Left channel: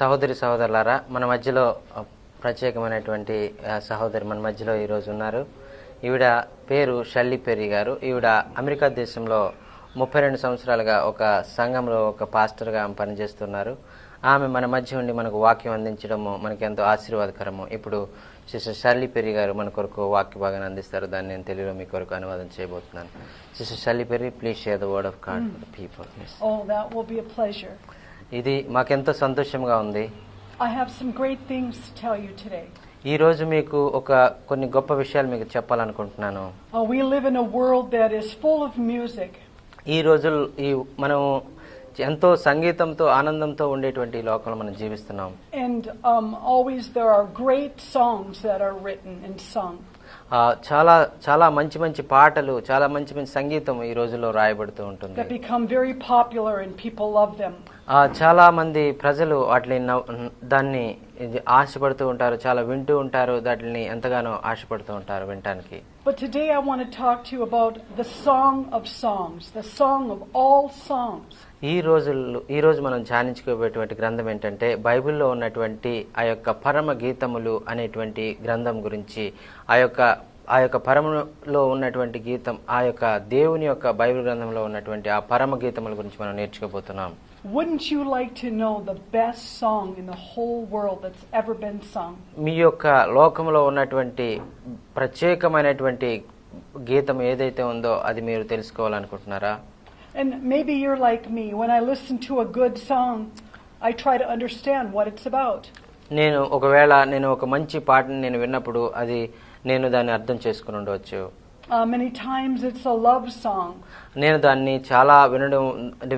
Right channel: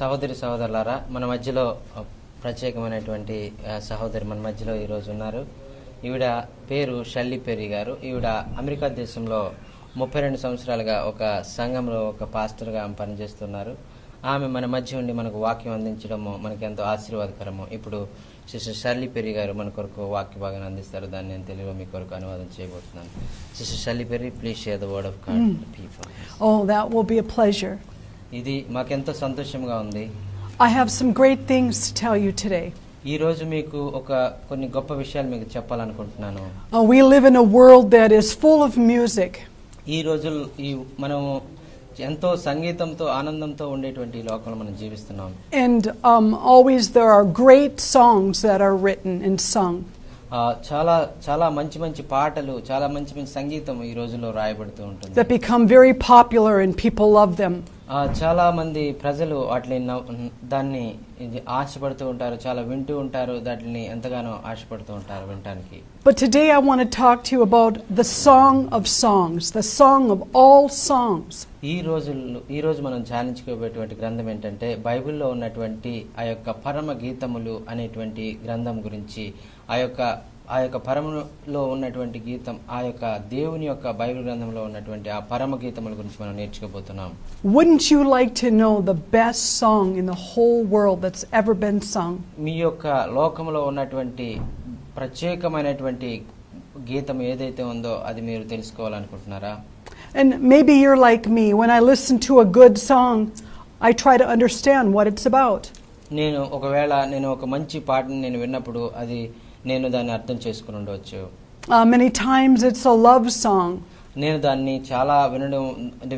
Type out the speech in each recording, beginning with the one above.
సహోదరి సహోదరులారా, మన మధ్యలో ప్రత్యేకమైనటువంటి సహోదరి మన మధ్యలో ఈరోజు ఉన్నారు. ఈవిడ పేరు షల్లీ పెర్రీ గారు. ఈవిడ అమెరికా దేశంలో 32 సంవత్సరాలుగా ఒక సంఘంలో ఒక పాస్టర్గా పనిచేస్తున్నారు. ఆమె మన మధ్య ఉండి మనకు వాక్యం అందించడము మనకి ఎంతో ఆశీర్వాదకరము. ఇప్పుడు సిస్టర్ షల్లీ పెర్రీ గారు మన కొరకు వాక్య భాగాన్ని అందిస్తారు. దాన్ని నేను తెలుగులో మీ కొరకు అనువాదం చేయబోతున్నాను. Sister Shelly Perry, please share the word of God people. Oh, that will be a pleasure. ఇది మాకెంతో సంతోషంగా ఉంది. I have some great things to tell you today. ఈ రోజు మీకు కొన్ని గొప్ప విషయాలు మీకు చెప్పాలనుకుంటున్నాను. We live in a world that is full of music. ఈ రోజు మనం ఎంతో సంగీతంతో ఆనందంతో ఉండేటువంటి లోకంలో మనం జీవిస్తున్నాం. And always there are great songs that are written and sung. చాలా చాలా మంచి మంచి పాటలు, చాలా మంచి మంచి సంగీతం ఈ రోజుల్లో రాయబడుతూ ఉంటుంది. That become very popular and people love them. చాలా మంది ప్రజలు దాన్ని ఆశపడుతూ ఉంటారు, చాలా వింటూ ఉంటారు, దాన్ని ఎంతగానో ఆశపడుతూ ఉంటారు వినటానికి. But today I want to talk to you about the song of songs, the song of all songs. ఈ రోజు మనం ధ్యానించుకోబోయేటువంటి గ్రంథం ఏంటంటే బైబిల్లో ఉన్నటువంటి ఆ యొక్క పరమ గీతములు అనేటువంటి గ్రంథం గురించి, ఆ యొక్క పరమలో ఉన్నటువంటి గీతం, ఆ యొక్క దేవుని యొక్క బైబిల్ గ్రంథంలో ఉన్నటువంటి ఆ పరమ గీతముల గురించి మనం నేర్చుకోబోతున్నాం. Wouldn't you like to know the best song in the whole world that's ever been sung? మీ యొక్క లోకంలో ఉన్నటువంటి ప్రత్యేకమైనటువంటి గీతం ఏదైతే ఉందో అది మీరు తెలుసుకోవాలనుకుంటున్నారా? And maybe you're like me. When I listen to a good song, I try to understand what it's about. ఒకవేళ నేను ఒక మంచి పాటని నేను విన్నప్పుడు నేను దాన్ని అర్థం చేసుకుని ఉండవచ్చు. Many times it's a love song. నేను దాన్ని చాలా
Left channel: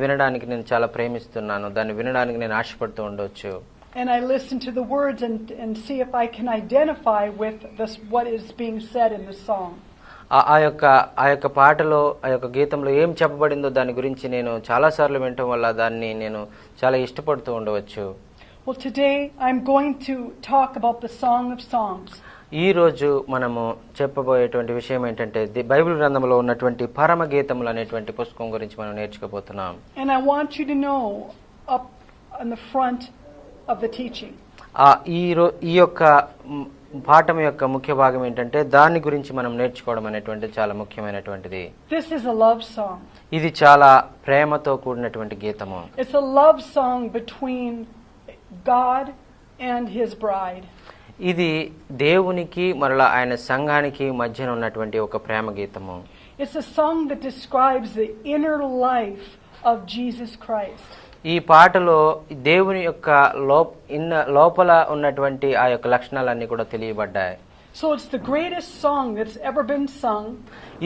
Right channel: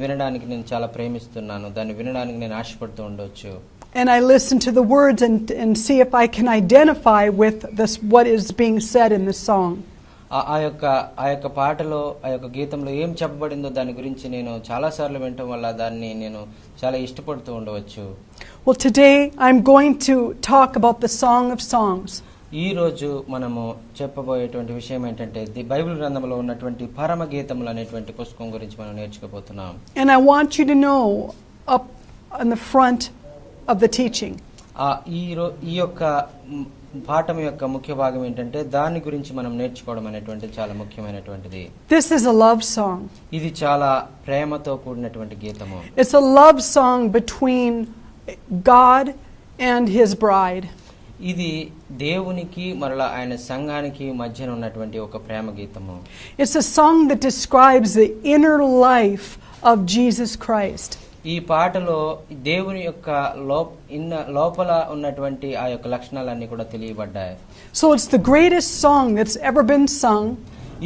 వినడానికి నేను చాలా ప్రేమిస్తున్నాను. దాన్ని వినడానికి నేను ఆశపడుతూ ఉండవచ్చు. And I listen to the words and see if I can identify with what is being said in the song. ఆ యొక్క పాటలో, ఆ యొక్క గీతంలో ఏం చెప్పబడిందో దాని గురించి నేను చాలా సార్లు వినటం వల్ల దాన్ని నేను చాలా ఇష్టపడుతూ ఉండవచ్చు. Well, today I'm going to talk about the Song of Songs. ఈ రోజు మనము చెప్పబోయేటువంటి విషయం ఏంటంటే బైబిల్ గ్రంథంలో ఉన్నటువంటి పరమ గీతములు అనేటువంటి పుస్తకం గురించి మనం నేర్చుకోబోతున్నాం. And I want you to know up on the front of the teaching. ఈ యొక్క పాఠం యొక్క ముఖ్య భాగం ఏంటంటే దాని గురించి మనం నేర్చుకోవడం అనేటువంటి చాలా ముఖ్యమైనటువంటిది. This is a love song. ఇది చాలా ప్రేమతో కూడినటువంటి గీతము. It's a love song between God and his bride. ఇది దేవునికి మరలా ఆయన సంఘానికి మధ్యన ఉన్నటువంటి ఒక ప్రేమ గీతము. It's a song that describes the inner life of Jesus Christ. ఈ పాటలో దేవుని యొక్క లోపల ఉన్నటువంటి ఆ యొక్క లక్షణాలన్నీ కూడా తెలియబడ్డాయి. So it's the greatest song that's ever been sung.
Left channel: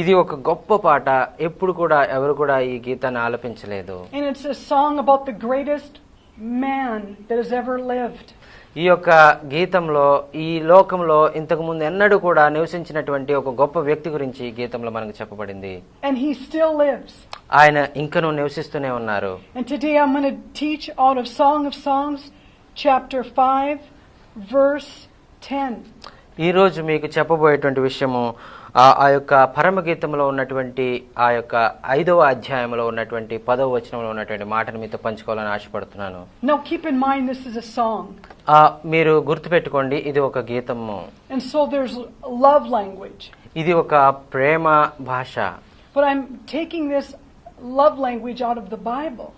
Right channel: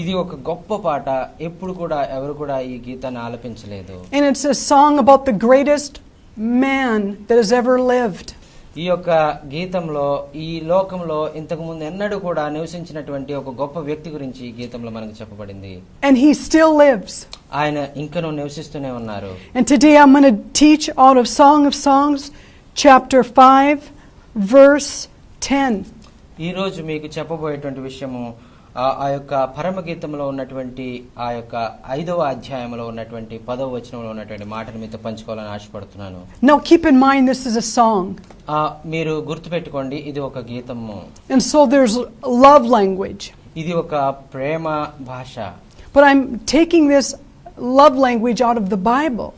ఇది ఒక గొప్ప పాట. ఎప్పుడు కూడా ఎవరు కూడా ఈ గీతాన్ని ఆలపించలేదు. And it's a song about the greatest man that has ever lived. ఈ యొక్క గీతంలో ఈ లోకంలో ఇంతకు ముందు ఎన్నడూ కూడా నివసించినటువంటి ఒక గొప్ప వ్యక్తి గురించి ఈ గీతంలో మనకు చెప్పబడింది. And he still lives. ఆయన ఇంకనూ నివసిస్తూనే ఉన్నారు. And today I'm going to teach out of Song of Songs chapter 5 verse 10. ఈ రోజు మీకు చెప్పబోయేటువంటి విషయము ఆ యొక్క పరమ గీతంలో ఉన్నటువంటి ఆ యొక్క 5వ అధ్యాయంలో ఉన్నటువంటి 10వ వచనంలో ఉన్నటువంటి మాటను మీతో పంచుకోవాలని ఆశపడుతున్నాను. Now keep in mind this is a song. మీరు గుర్తుపెట్టుకోండి, ఇది ఒక గీతము. And so there's love language. ఇది ఒక ప్రేమ భాష. But I'm taking this love language out of the Bible.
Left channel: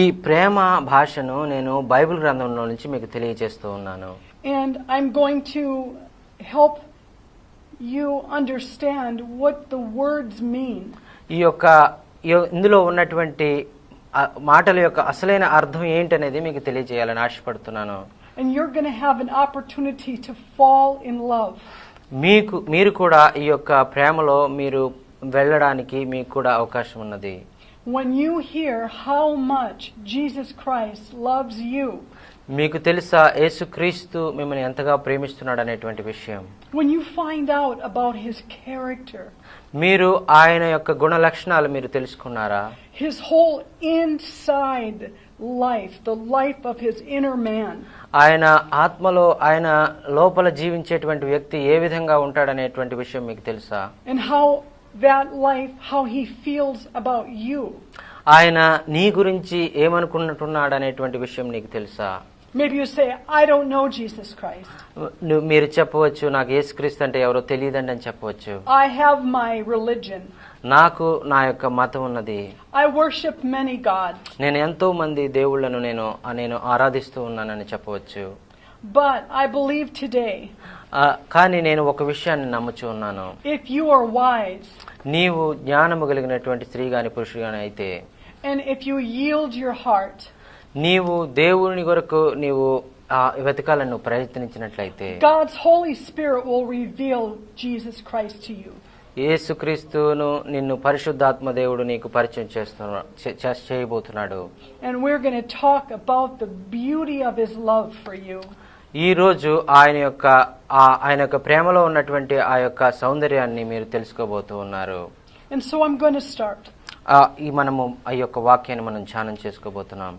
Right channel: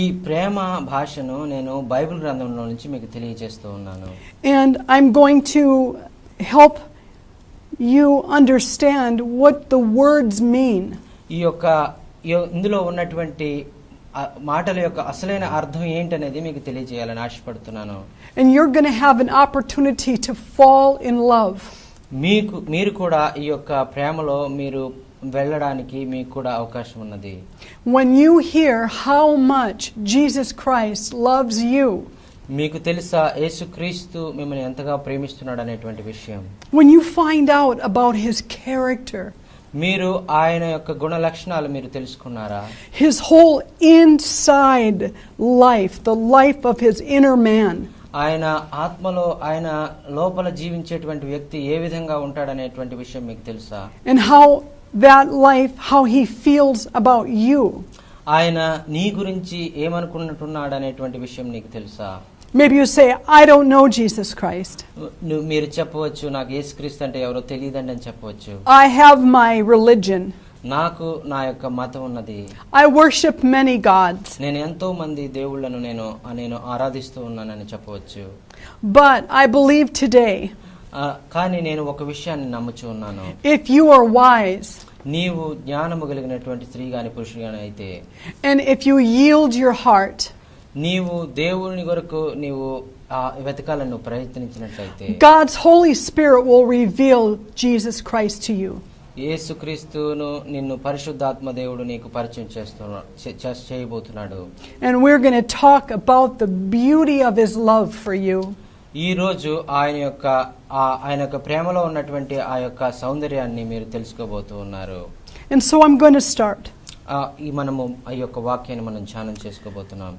ఈ ప్రేమ భాషను నేను బైబిల్ గ్రంథంలో నుంచి మీకు తెలియజేస్తూ ఉన్నాను. And I'm going to help you understand what the words mean. ఇందులో ఉన్నటువంటి మాటల యొక్క అసలైన అర్థం ఏంటనేది మీకు తెలియజేయాలని ఆశపడుతున్నాను. And you're going to have an opportunity to fall in love. మీరు కూడా ఈ యొక్క ప్రేమలో మీరు వెళ్ళడానికి మీకు కూడా అవకాశం ఉన్నది. When you hear how much Jesus Christ loves you, మీకు తెలుసా యేసుక్రీస్తు మిమ్మల్ని ఎంతగా ప్రేమిస్తున్నాడు అనేటువంటి విషయం. When you find out about his character, మీరు ఆయన యొక్క గుణ లక్షణాలు మీరు తెలుసుకున్నారా? His whole inside life, the life of his inner man. ఆయన ఆత్మలో ఆయన లోపల జీవించేటువంటి వ్యక్తి ఏ విధంగా ఉంటాడనేటువంటి విషయం మీకు తెలుసా? And how that life, how he feels about you. ఆయన నీ గురించి ఏమనుకుంటున్నాడు అనేటువంటి విషయం నీకు తెలుసా? Maybe you say, I don't know Jesus Christ. మీరు చెప్పవచ్చు నాకు యేసుక్రీస్తు అంటే ఎవరో తెలియదండి అని చెప్పవచ్చు. I have my religion. నాకు నా యొక్క మతం ఉన్నది. I worship many gods. నేను ఎంతో మంది దేవుళ్ళను నేను ఆరాధిస్తూ ఉన్నానని చెప్పవచ్చు. But I believe today, కానీ నేను ఒక విషయాన్ని నమ్ముచూ ఉన్నాను. if you are wise, నీవు జ్ఞానము కలిగినటువంటి స్త్రీ గాని పురుషుడు గాని అయితే, and if you yield your heart, నీవు దేవుని కొరకు నీవు వెతకాలను ప్రయత్నించినట్లయితే, God's Holy Spirit will reveal Jesus Christ to you. యేసుక్రీస్తును నిన్ను పరిశుద్ధాత్మ దేవుడు నీకు పరిచయం చేయబోతున్నాడు. And we're going to talk about the beauty of his love for you. ఈ రోజు ఆయన యొక్క ప్రేమలో ఉన్నటువంటి ఆ యొక్క సౌందర్యాన్ని మీరు తెలుసుకోబోతూ ఉన్నారు. And so I'm going to start. మనము ఈ యొక్క వాక్యాన్ని మనం ధ్యానం చేసుకోబోతున్నాం.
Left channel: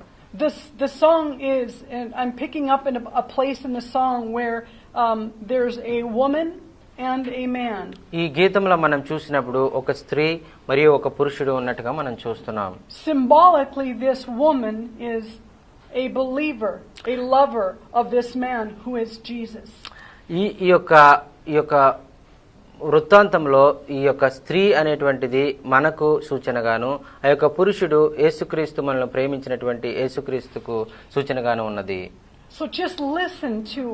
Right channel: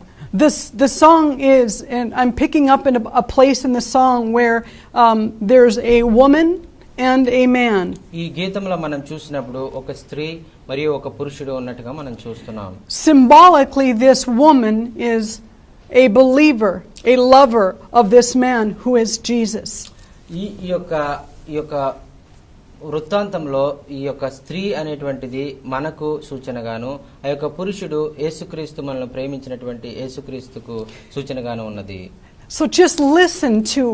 The song is, and I'm picking up in a place in the song where there's a woman and a man. ఈ గీతంలో మనం చూసినప్పుడు ఒక స్త్రీ మరియు ఒక పురుషుడు ఉన్నట్టుగా మనం చూస్తున్నాం. Symbolically, this woman is a believer, a lover of this man who is Jesus. ఈ యొక్క వృత్తాంతంలో ఈ యొక్క స్త్రీ అనేటువంటిది మనకు సూచనగాను, ఆ యొక్క పురుషుడు యేసుక్రీస్తు మనల్ని ప్రేమించినటువంటి యేసుక్రీస్తుకు సూచనగాను ఉన్నది. So just listen to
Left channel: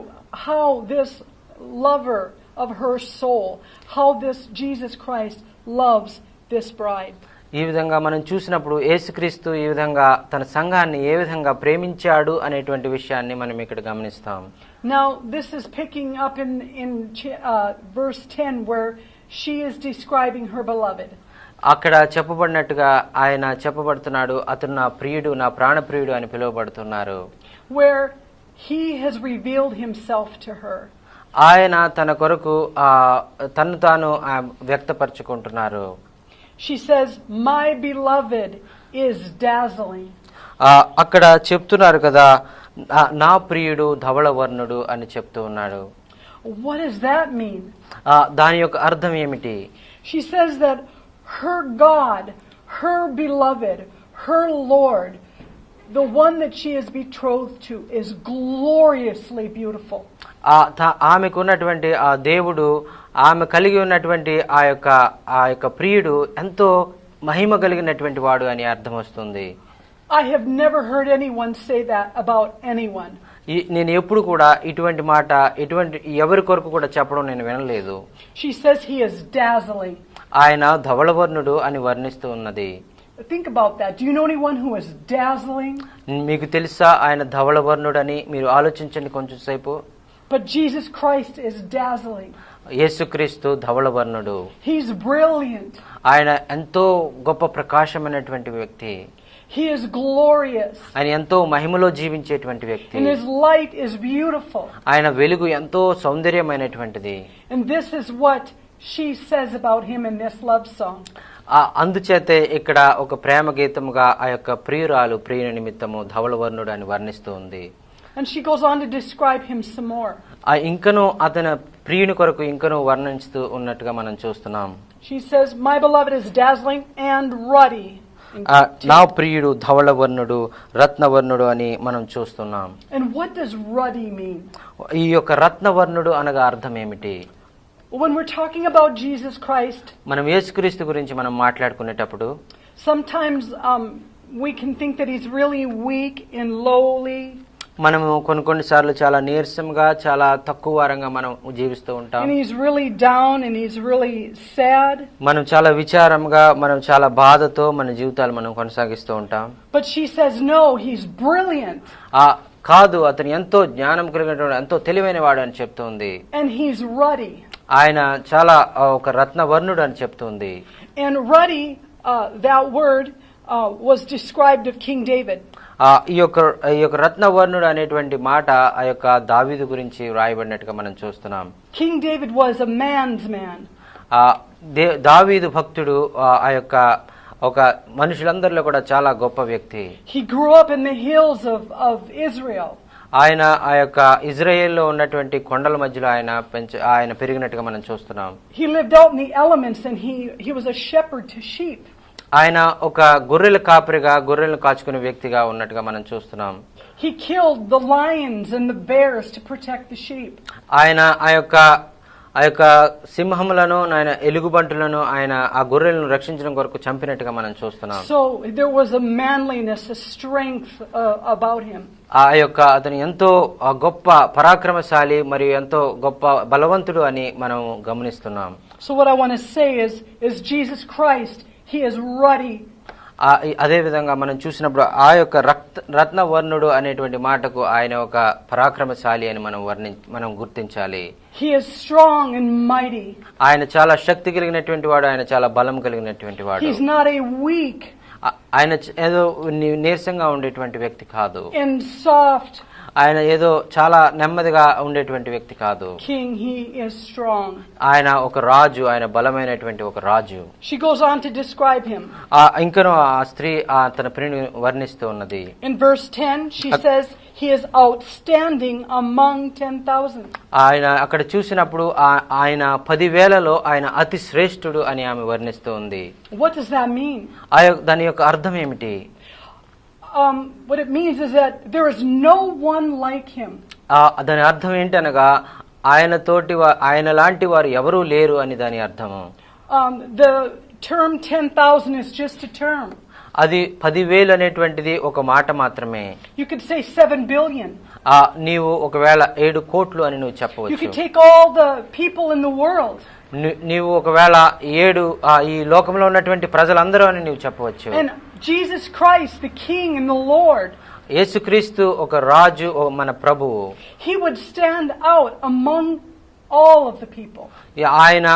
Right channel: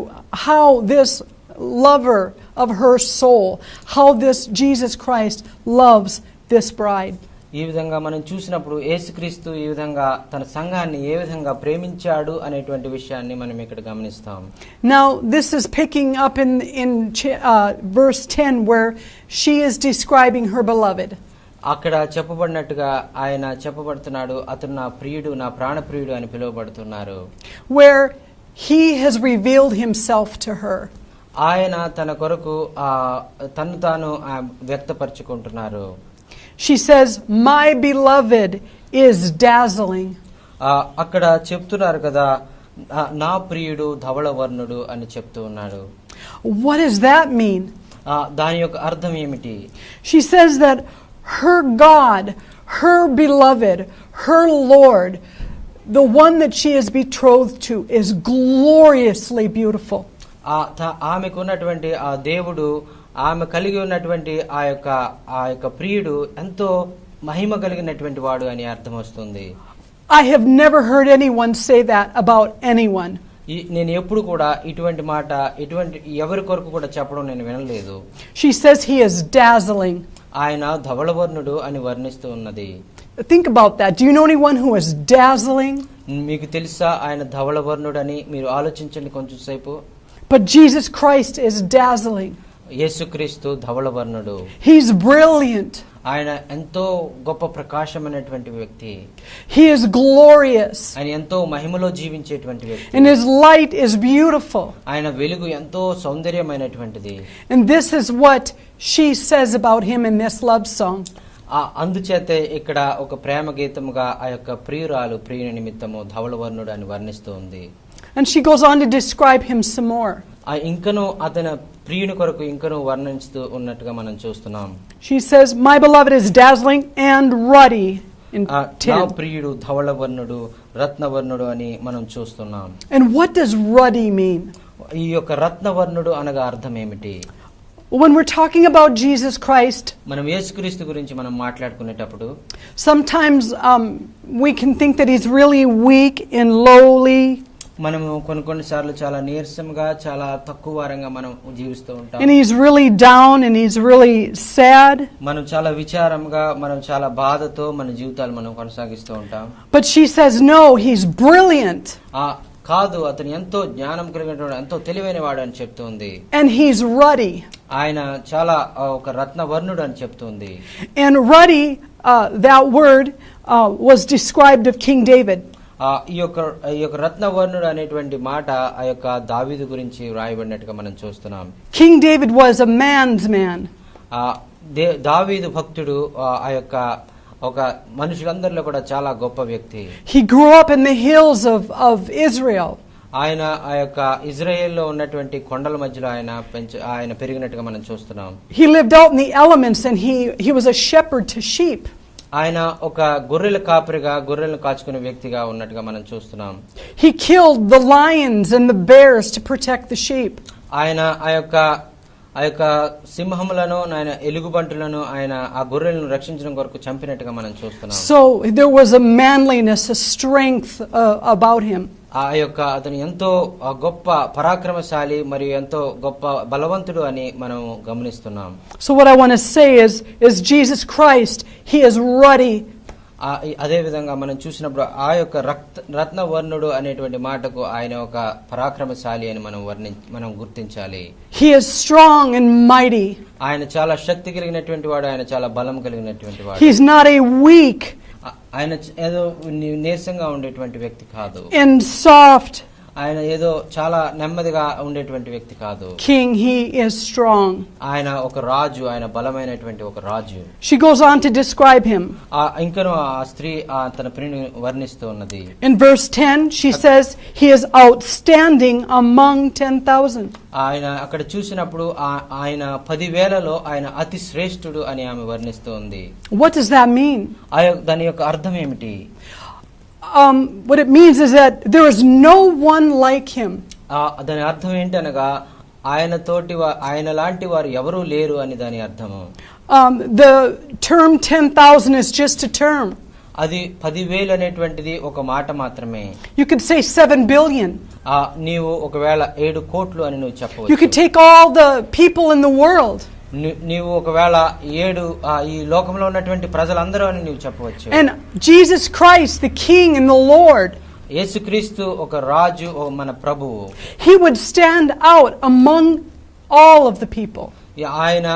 how this lover of her soul, how this Jesus Christ loves this bride. ఈ విధంగా మనం చూసినప్పుడు యేసుక్రీస్తు ఈ విధంగా తన సంఘాన్ని ఏ విధంగా ప్రేమించాడు అనేటువంటి విషయాన్ని మనం ఇక్కడ గమనిస్తాం. Now this is picking up in verse 10 where she is describing her beloved. అక్కడ చెప్పబడినట్టుగా ఆయన చెప్పబడుతున్నాడు, అతను నా ప్రియుడు, నా ప్రాణప్రియుడు అని పిలువబడుతున్నారు. Where he has revealed himself to her. ఆయన తన కొరకు తను తాను వ్యక్తపరచుకుంటున్నారు. She says, my beloved is dazzling. అక్కడ చెప్తున్నారు కదా, నా ప్రియుడు ధవళవర్ణుడు అని చెప్తూ ఉన్నాడు. What does that mean? దాని యొక్క అర్థం ఏమిటి? She says that her God, her beloved, her Lord, the one that she is betrothed to, is gloriously beautiful. ఆమెకున్నటువంటి ఆ దేవుడు, ఆమె కలిగి ఉన్నటువంటి ఆ యొక్క ప్రియుడు ఎంతో మహిమ కలిగినటువంటి వాడు అని అర్థం వస్తుంది. I have never heard anyone say that about anyone. నేను ఎప్పుడు కూడా ఇటువంటి మాట ఎవరి కొరకు కూడా చెప్పడం నేను వినలేదు. She says he is dazzling. ఆయన ధవళవర్ణుడు అని వర్ణిస్తూ ఉన్నది. Think about that. Do you know anyone who is dazzling? మీకు తెలుసా ఆయన ధవళవర్ణుడని? మీరు ఆలోచించండి కొంచెం సేపు. But Jesus Christ is dazzling. యేసుక్రీస్తు ధవళవర్ణుడు. He's brilliant. ఆయన ఎంతో గొప్ప ప్రకాశమైనటువంటి వ్యక్తి. He is glorious. ఆయన ఎంతో మహిమలో జీవించేటువంటి వ్యక్తి. And his light is beautiful. ఆయన వెలుగు ఎంతో సౌందర్యమైనటువంటిది. And this is what she says about him in this love song. అందుచేతే ఇక్కడ ఒక ప్రేమ గీతముగా ఆ యొక్క ప్రియుని నిమిత్తము ధవళవర్ణుడు అని వర్ణిస్తూ ఉంది. And she goes on to describe him some more. ఇంకను అతని ప్రియుని కొరకు ఇంకను వర్ణిస్తూ ఉన్నట్టుగా మనం చూస్తున్నాం. She says, my beloved is dazzling and ruddy. నా ప్రియుడు ధవళవర్ణుడు, రత్నవర్ణుడు అని మనం చూస్తున్నాం. And what does ruddy mean? ఈ యొక్క రత్నవర్ణుడు అనగా అర్థం ఏమిటి? When we're talking about Jesus Christ, మనం యేసుక్రీస్తు గురించి మనం మాట్లాడుకునేటప్పుడు sometimes we can think that he's really weak and lowly. మనము కొన్ని సార్లు చాలా నీరసంగా, చాలా తక్కువ వారంగా మనం జీవిస్తూ ఉంటాం. And he's really down and he's really sad. మనం చాలా విచారంగా, మనం చాలా బాధతో మన జీవితాలు మనం కొనసాగిస్తూ ఉంటాం. But she says no, he's brilliant. కాదు, అతను ఎంతో జ్ఞానం కలిగినటువంటి ఎంతో తెలివైన వాడు అని చెప్తుంది. And he's ruddy. ఆయన చాలా ఒక రత్నవర్ణుడు అని చెప్తుంది. And ruddy, that word was described of King David. ఈ యొక్క రత్నవర్ణుడు అనేటువంటి మాట ఆ యొక్క దావీదు గురించి రాయబడినట్టుగా మనం చూస్తున్నాం. King David was a man's man. దావీదు భక్తుడు ఆ యొక్క ఒక మనుషులందరిలో కూడా చాలా గొప్ప వ్యక్తి. He grew up in the hills of Israel. ఆయన ఆ యొక్క ఇజ్రాయెల్లో ఉన్నటువంటి కొండల మధ్యలో ఆయన పెరిగినట్టుగా మనం చూస్తున్నాం. He lived out in the elements and he was a shepherd to sheep. ఆయన ఒక గొర్రెల కాపరిగా గొర్రెలను కాచుకునే వ్యక్తిగా ఉన్నట్టుగా మనం చూస్తున్నాం. He killed the lions and the bears to protect the sheep. ఆయన ఆ యొక్క సింహములను ఆయన ఎలుగుబంటులను ఆయన ఆ గొర్రెలను రక్షించడం కొరకు చంపినట్టుగా మనం చూస్తున్నాం. So there was a manliness, a strength about him. ఆ యొక్క అతను ఎంతో గొప్ప పరాక్రమశాలి మరియు ఎంతో గొప్ప బలవంతుడు అని మనం గమనిస్తున్నాం. So what I want to say is Jesus Christ, he is ruddy. అదే విధంగా మనం చూసినప్పుడు ఆ యొక్క రత్నవర్ణుడు అనేటువంటి మాటకు ఆయన ఒక పరాక్రమశాలి అని మనం గుర్తించాలి. He is strong and mighty. ఆయన చాలా శక్తి కలిగినటువంటి వాడు, ఆయన చాలా బలం కలిగినటువంటి వాడు. He's not a weak ఆయన ఏదో నీరసంగా ఉండేటువంటి వ్యక్తి కాదు. and soft ఆయన ఏదో చాలా నెమ్మదిగా ఉండేటువంటి వ్యక్తి కాదు. king, he is strong. ఆయన ఒక రాజు, ఆయన బలమైనటువంటి ఒక రాజు. She goes on to describe him. ఇంకను ఆ స్త్రీ తన ప్రియుని వర్ణిస్తూ ఉన్నది. In verse 10 she says he is outstanding among 10,000. ఆయన అక్కడ చూసినప్పుడు ఆయన 10,000లో ఆయన అతి శ్రేష్ఠుడు అని ఆమె వర్ణిస్తూ ఉంది. What does that mean? దాని యొక్క అర్థం ఏమిటి? What it means is that there is no one like him. దాని అర్థం ఏంటనగా ఆయన లాంటి వారు ఎవరూ లేరు అని దాని అర్థము. The term 10,000 is just a term. అది 10,000 అనేటువంటిది ఒక మాట మాత్రమే. You could say 7 billion. నీవు ఒకవేళ 7 కోట్లు అని నువ్వు చెప్పవచ్చు. You could take all the people in the world. నీవు ఒకవేళ 7 ఈ లోకంలో ఉన్నటువంటి ప్రజలందరూ అని నీవు చెప్పవచ్చు. And Jesus Christ, the King and the Lord, యేసుక్రీస్తు ఒక రాజు, మన ప్రభువు, he would stand out among all of the people. ఆయన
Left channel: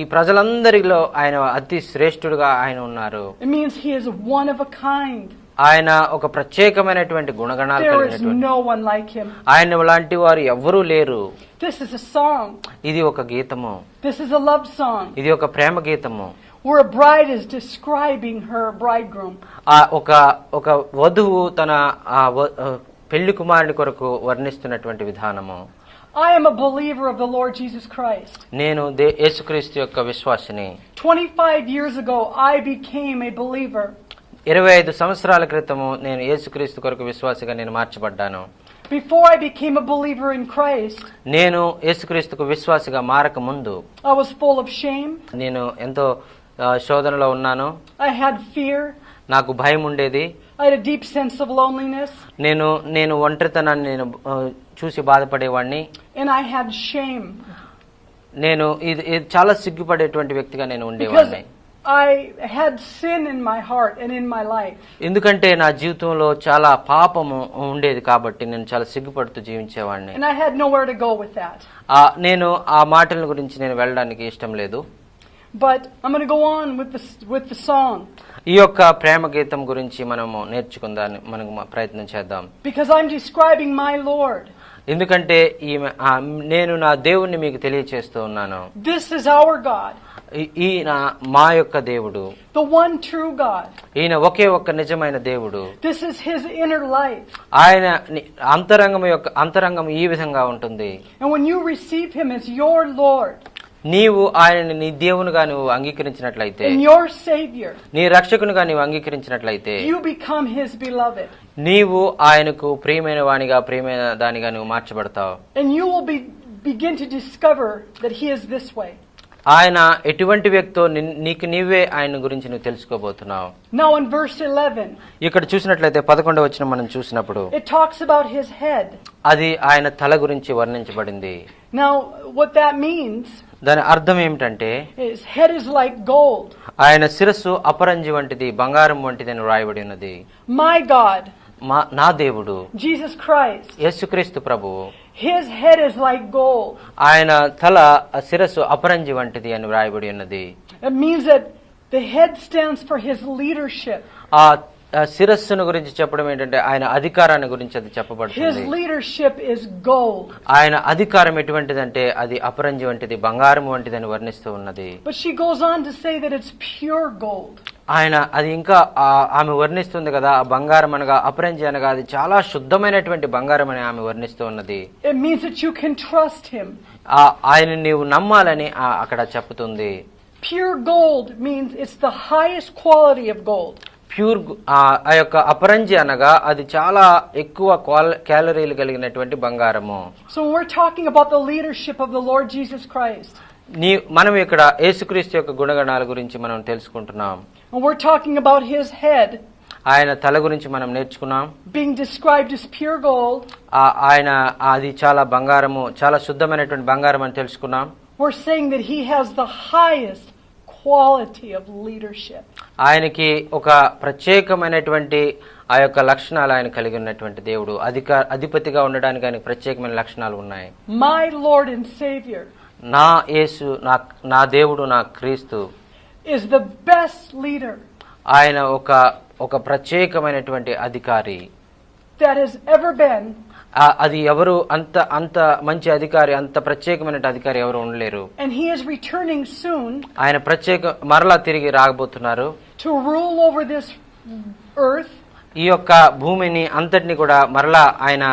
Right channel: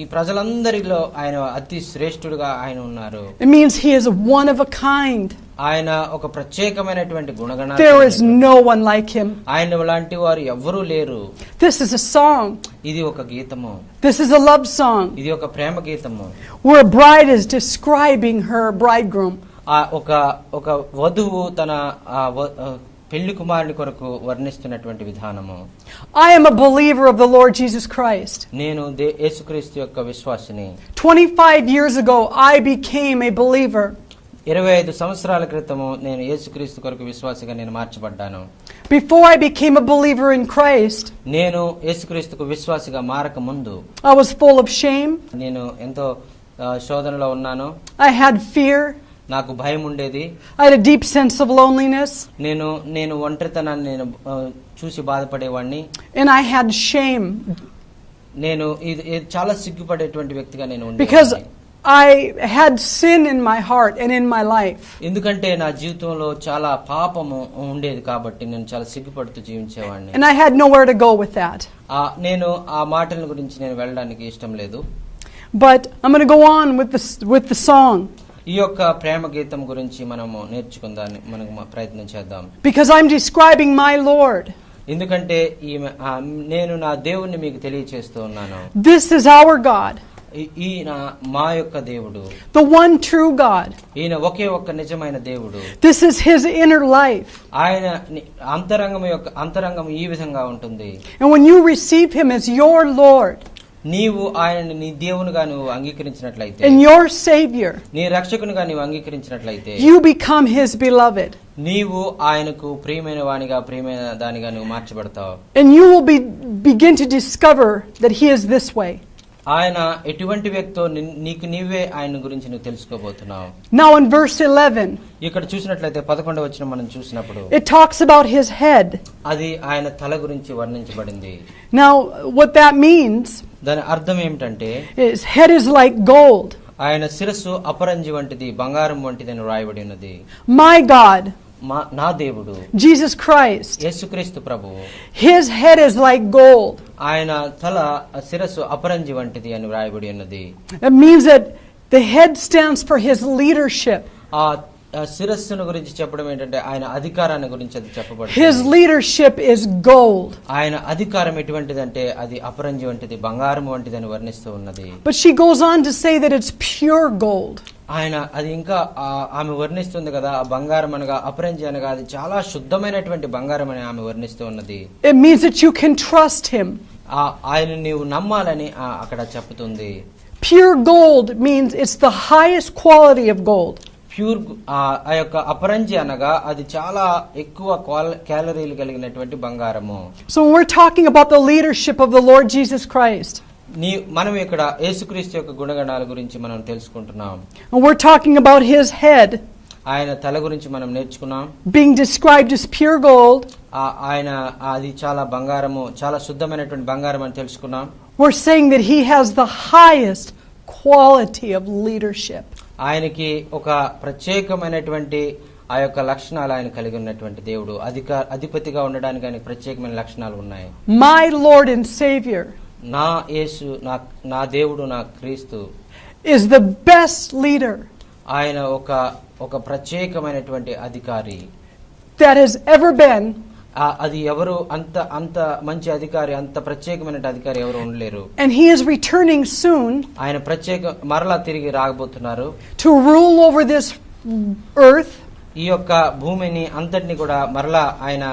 ఈ ప్రజలందరిలో ఆయన అతి శ్రేష్ఠుడుగా ఆయన ఉన్నారు. It means he is one of a kind. ఆయన ఒక ప్రత్యేకమైనటువంటి గుణగణాలు. There is no one like him. ఆయన లాంటి వారు ఎవ్వరూ లేరు. This is a song. ఇది ఒక గీతము. This is a love song. ఇది ఒక ప్రేమ గీతము. Where a bride is describing her bridegroom. ఒక వధువు తన పెళ్లి కుమారుని కొరకు వర్ణిస్తున్నటువంటి విధానము. I am a believer of the Lord Jesus Christ. నేను యేసుక్రీస్తు యొక్క విశ్వాసిని. 25 years ago I became a believer. 25 సంవత్సరాల క్రితము నేను యేసుక్రీస్తు కొరకు విశ్వాసిగా నేను మార్చబడ్డాను. Before I became a believer in Christ, నేను యేసుక్రీస్తుకు విశ్వాసిగా మారక ముందు I was full of shame. నేను ఎంతో శోధనలో ఉన్నాను. I had fear. నాకు భయం ఉండేది. I had a deep sense of loneliness. నేను ఒంటరితనాన్ని నేను చూసి బాధపడేవాడిని. And I had shame. నేను ఇది చాలా సిగ్గుపడేటువంటి వ్యక్తిగా నేను ఉండేవాడిని. Because I had sin in my heart and in my life. ఎందుకంటే నా జీవితంలో చాలా పాపము ఉండేది కాబట్టి నేను చాలా సిగ్గుపడుతూ జీవించేవాడిని. And I had nowhere to go with that. నేను ఆ మాటల గురించి నేను వెళ్ళడానికి ఇష్టం లేదు. But I'm going to go on with the song. ఈ యొక్క ప్రేమ గీతం గురించి మనము నేర్చుకుందాం, మనం ప్రయత్నం చేద్దాం. Because I'm describing my Lord. ఎందుకంటే నేను నా దేవుణ్ణి మీకు తెలియచేస్తూ ఉన్నాను. This is our God. ఈయన మా యొక్క దేవుడు. The one true God. ఈయన ఒకే ఒక్క నిజమైన దేవుడు. This is his inner life. ఆయన అంతరంగం ఈ విధంగా ఉంటుంది. And when you receive him as your Lord, నీవు ఆయనని నీ దేవునిగా నువ్వు అంగీకరించినట్లయితే, and your Savior, నీ రక్షకునిగా నీవు అంగీకరించినట్లయితే, you become his beloved. నీవు ఆయనకు ప్రియమైన వానిగా, ప్రియమైన దానిగా నువ్వు మార్చబడతావు. And you will begin to discover that he is this way. ఆయన ఎటువంటి వ్యక్తో నీకు నీవే ఆయన గురించి నువ్వు తెలుసుకోబోతున్నావు. Now in verse 11, ఇక్కడ చూసినట్లయితే 11వ వచనం మనం చూసినప్పుడు it talks about his head. అది ఆయన తల గురించి వర్ణించబడింది. Now what that means, దాని అర్థం ఏమిటంటే, his head is like gold. ఆయన శిరస్సు అపరంజి వంటిది, బంగారం వంటిది అని రాయబడి ఉన్నది. My God, నా దేవుడు Jesus Christ, యేసుక్రీస్తు ప్రభువు, his head is like gold. ఆయన తల శిరస్సు అపరంజి వంటిది అని రాయబడి ఉన్నది. It means that the head stands for his leadership. ఆ శిరస్సును గురించి చెప్పడం ఏంటంటే ఆయన అధికారాన్ని గురించి అది చెప్పబడుతుంది. His leadership is gold. ఆయన అధికారం ఎటువంటిదంటే అది అపరంజి వంటిది, బంగారం వంటిది అని వర్ణిస్తూ ఉన్నది. But she goes on to say that it's pure gold. ఆయన అది ఇంకా ఆమె వర్ణిస్తుంది కదా, బంగారం అనగా అపరంజి అనగా అది చాలా శుద్ధమైనటువంటి బంగారం అని ఆమె వర్ణిస్తూ ఉన్నది. It means that you can trust him. ఆయన నీవు నమ్మాలని అక్కడ చెప్తుంది. Pure gold means it's the highest quality of gold. Pure ఆ యొక్క అపరంజి అనగా అది చాలా ఎక్కువ క్యాలరీలు కలిగినటువంటి బంగారము. So when we're talking about the leadership of the Lord Jesus Christ, మనం ఇక్కడ యేసుక్రీస్తు యొక్క గుణగణాల గురించి మనం తెలుసుకుంటున్నాం. and we're talking about his head ఆయన తల గురించి మనం నేర్చుకున్నాం. being described as pure gold, ఆయన అది చాలా బంగారము, చాలా శుద్ధమైనటువంటి బంగారం అని తెలుసుకున్నాం. we're saying that he has the highest quality of leadership. ఆయనకి ఒక ప్రత్యేకమైనటువంటి ఆ యొక్క లక్షణాలు ఆయన కలిగి ఉన్నటువంటి దేవుడు. అధిపతిగా ఉండడానికి ఆయనకి ప్రత్యేకమైన లక్షణాలు ఉన్నాయి. My Lord and Savior, నా యేసు, నా దేవుడు, నా క్రీస్తు is the best leader ఆయన ఒక ప్రత్యేకమైనటువంటి అధికారి that has ever been. అది ఎవరు అంత మంచి అధికారి, అంత ప్రత్యేకమైన అధికారి ఎవరు ఉండలేరు. And he is returning soon ఆయన మరలా తిరిగి రాబోతున్నారు. to rule over this earth. ఈ యొక్క భూమిని అంతటిని కూడా మరలా ఆయన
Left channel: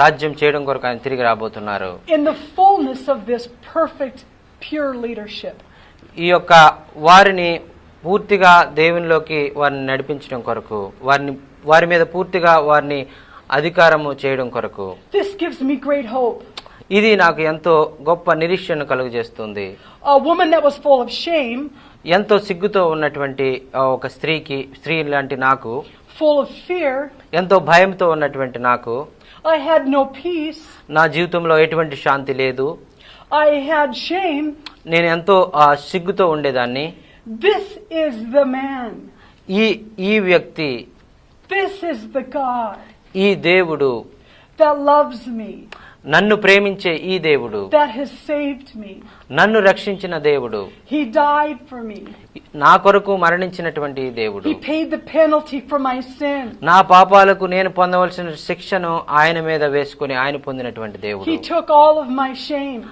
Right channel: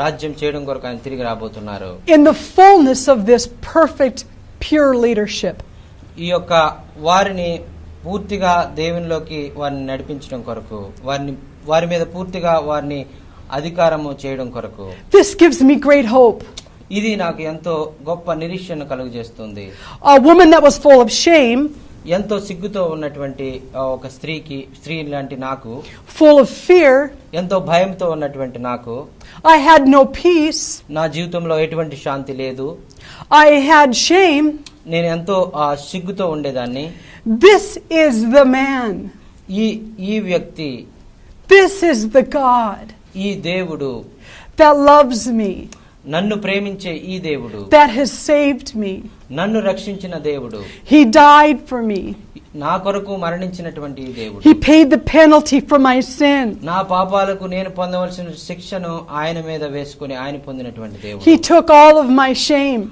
రాజ్యం చేయడం కొరకు ఆయన తిరిగి రాబోతున్నారు. In the fullness of this perfect pure leadership. ఈ యొక్క వారిని పూర్తిగా దేవునిలోకి వారిని నడిపించడం కొరకు, వారి మీద పూర్తిగా వారిని అధికారము చేయడం కొరకు. This gives me great hope. ఇది నాకు ఎంతో గొప్ప నిరీక్షణ కలుగజేస్తుంది. A woman that was full of shame, ఎంతో సిగ్గుతో ఉన్నటువంటి ఒక స్త్రీ లాంటి నాకు, full of fear, ఎంతో భయంతో ఉన్నటువంటి నాకు, I had no peace, నా జీవితంలో ఎటువంటి శాంతి లేదు, I had shame. నేను ఎంతో సిగ్గుతో ఉండేదాన్ని. This is the man. ఈ వ్యక్తి, This is the God ఈ దేవుడు, that loves me, నన్ను ప్రేమించే ఈ దేవుడు, that has saved me. నన్ను రక్షించిన దేవుడు, He died for me. నా కొరకు మరణించినటువంటి దేవుడు, He paid the penalty for my sin. నా పాపాలకు నేను పొందవలసిన శిక్షను ఆయన మీద వేసుకుని ఆయన పొందినటువంటి దేవుడు. He took all of my shame.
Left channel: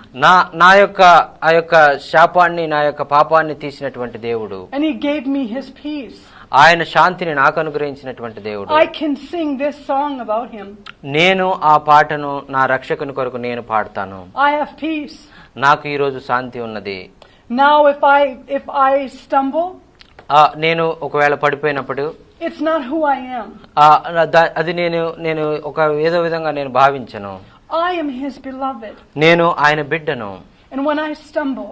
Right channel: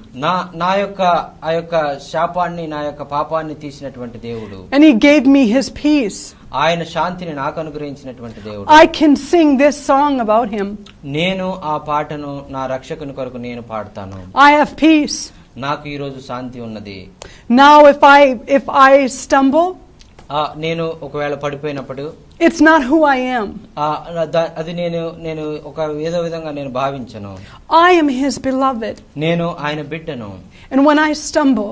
నా యొక్క ఆ యొక్క శాపాన్ని, నా యొక్క పాపాన్ని తీసినటువంటి దేవుడు. And he gave me his peace. ఆయన శాంతిని నాకు అనుగ్రహించినటువంటి దేవుడు. I can sing this song about him. నేను ఆ పాటను నా రక్షకుని కొరకు నేను పాడతాను. I have peace. నాకు ఈ రోజు శాంతి ఉన్నది. Now if I stumble, నేను ఒకవేళ పడిపోయినప్పుడు, it's not who I am. అది నేను ఒక ఏదో విధంగా నేను భావించను. I am his beloved. నేను ఆయన బిడ్డను. And when I stumble,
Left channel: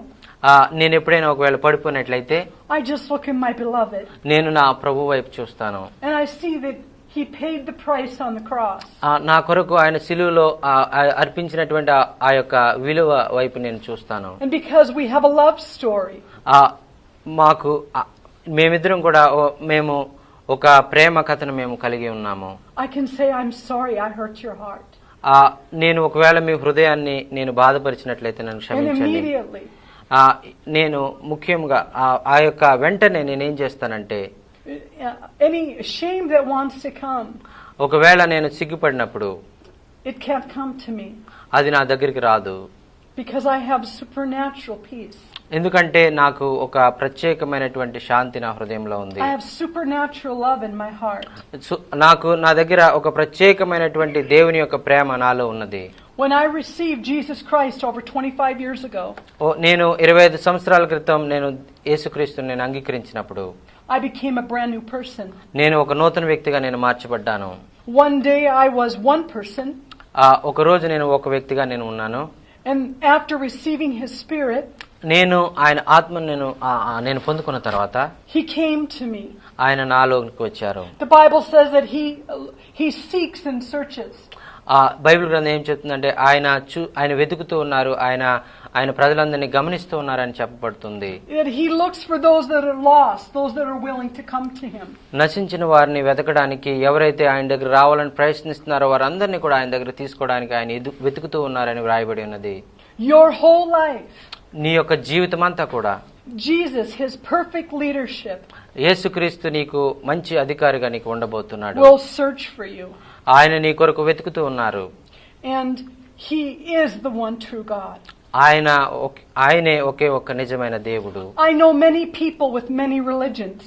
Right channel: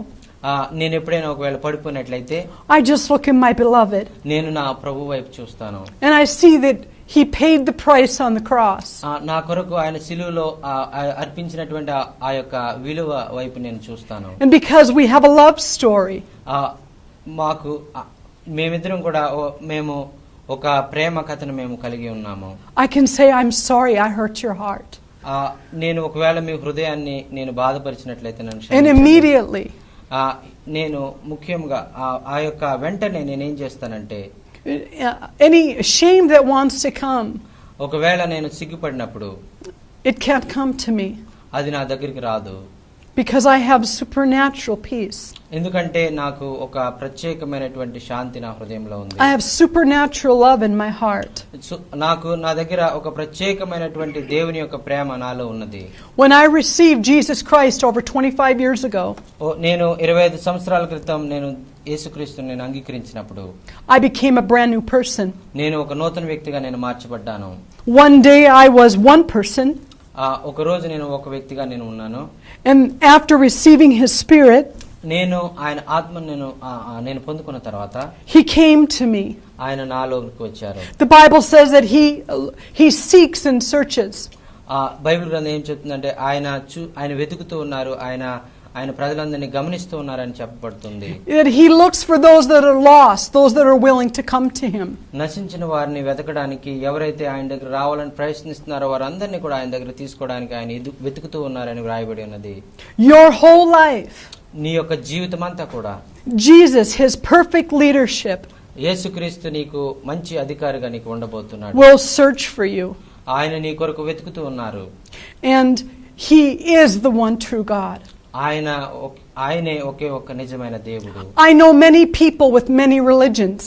నేను ఎప్పుడైనా ఒకవేళ పడిపోయినట్లయితే I just look at my beloved. నేను నా ప్రభు వైపు చూస్తాను. And I see that he paid the price on the cross. నా కొరకు ఆయన సిలువలో అర్పించినటువంటి ఆ యొక్క విలువ వైపు నేను చూస్తాను. And because we have a love story, మాకు మేమిద్దరం కూడా మేము ఒక ప్రేమ కథను మేము కలిగి ఉన్నాము. I can say, I'm sorry I hurt your heart. నేను ఒకవేళ మీ హృదయాన్ని నేను బాధపరిచినట్లయితే నన్ను And క్షమించండి. immediately, నేను ముఖ్యంగా ఆ యొక్క వెంటనే నేనేం చేస్తానంటే, any shame that wants to come, ఒకవేళ నేను సిగ్గుపడినప్పుడు it can't come to me. అది నా దగ్గరికి రాదు. Because I have supernatural peace. ఎందుకంటే నాకు ఒక ప్రత్యేకమైనటువంటి శాంతి నా హృదయంలో ఉంది. I have supernatural love in my heart. నా దగ్గర ఒక ప్రత్యేకమైనటువంటి దేవుని యొక్క ప్రేమ నాలో ఉన్నది. When I received Jesus Christ over 25 years ago, నేను 25 సంవత్సరాల క్రితం నేను యేసుక్రీస్తుని నేను అంగీకరించినప్పుడు, I became a brand new person. నేను ఒక నూతన వ్యక్తిగా నేను మార్చబడ్డాను. One day I was one person. ఒక రోజు నేను ఒక వ్యక్తిగా నేను ఉన్నాను. And after receiving his spirit, నేను ఆయన ఆత్మను నేను పొందుకున్న తర్వాత he came to me. ఆయన నాలోకి వచ్చారు. The Bible says that he seeks and searches. Bible గ్రంథం ఏం చెప్తుందంటే ఆయన వెతుకుతూ ఉన్నారు, ఆయన ప్రజలందరినీ గమనిస్తూ ఉన్నారని చెప్పబడుతుంది. That he looks for those that are lost, those that are willing to come to him. నశించిన వారిని వెతకడానికి, ఎవరైతే ఆయన దగ్గర రావాలని ప్రయత్నిస్తున్నారో వారందరినీ కూడా ఆయన దగ్గర తీసుకోవడానికి ఆయన వెతుకుతూ ఉన్నారని వ్రాయబడి ఉన్నది. Your whole life, నీ యొక్క జీవితం అంతా కూడా Jesus, his perfect leadership, యేసుక్రీస్తు నీకు మంచి అధికారిగా నీకు ఉండబోతున్నాడు. will search for you. ఆయన నీ కొరకు వెతుకుతూ ఉన్నారు. And he is the one true God. ఆయనే ఒకే ఒక్క నిజమైన దేవుడు. I know many people with many religions.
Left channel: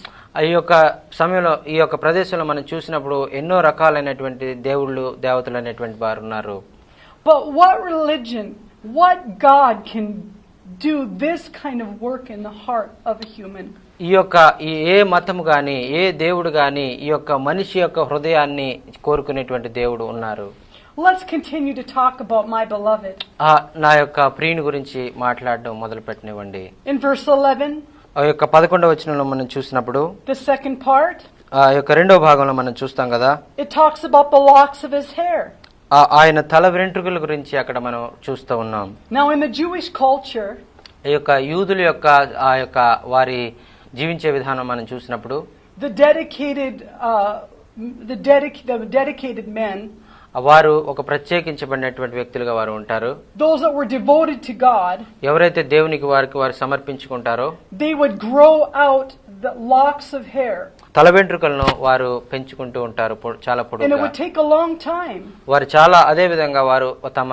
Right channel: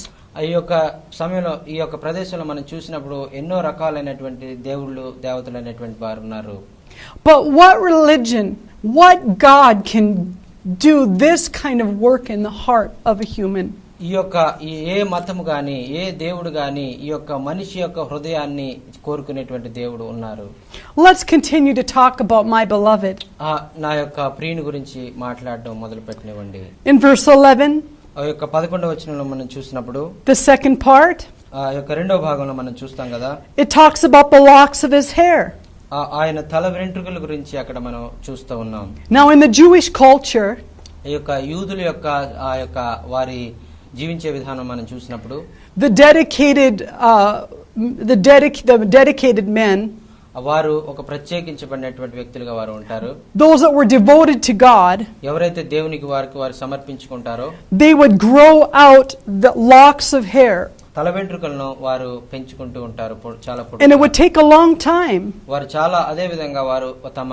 ఈ యొక్క సమయంలో ఈ యొక్క ప్రదేశంలో మనం చూసినప్పుడు ఎన్నో రకాలైనటువంటి దేవతలు అనేటువంటి వారు ఉన్నారు. But what religion, what God can do this kind of work in the heart of a human. ఏ మతము గాని ఏ దేవుడు గాని ఈ యొక్క మనిషి యొక్క హృదయాన్ని కోరుకునేటువంటి దేవుడు ఉన్నారు. Let's continue to talk about my beloved. నా యొక్క ప్రియుని గురించి మాట్లాడడం మొదలుపెట్టనివ్వండి. In verse 11, ఆ యొక్క 11వ వచనంలో మనం చూసినప్పుడు the second part, ఆ యొక్క రెండవ భాగంలో మనం చూస్తాం కదా, it talks about the locks of his hair. ఆయన తల వెంట్రుకల గురించి అక్కడ మనం చూస్తూ ఉన్నాం. Now in the Jewish culture, ఈ యొక్క యూదుల యొక్క ఆ యొక్క వారి జీవించే విధానం మనం చూసినప్పుడు the dedicated men, వారు ఒక ప్రత్యేకించబడినటువంటి వ్యక్తులుగా వారు ఉంటారు. those that were devoted to God, ఎవరైతే దేవునికి వారు సమర్పించుకుంటారో they would grow out the locks of hair. తల వెంట్రుకలను వారు పెంచుకుంటూ ఉంటారు చాలా పొడవుగా. And it would take a long time. వారు చాలా అదే విధంగా వారు తమ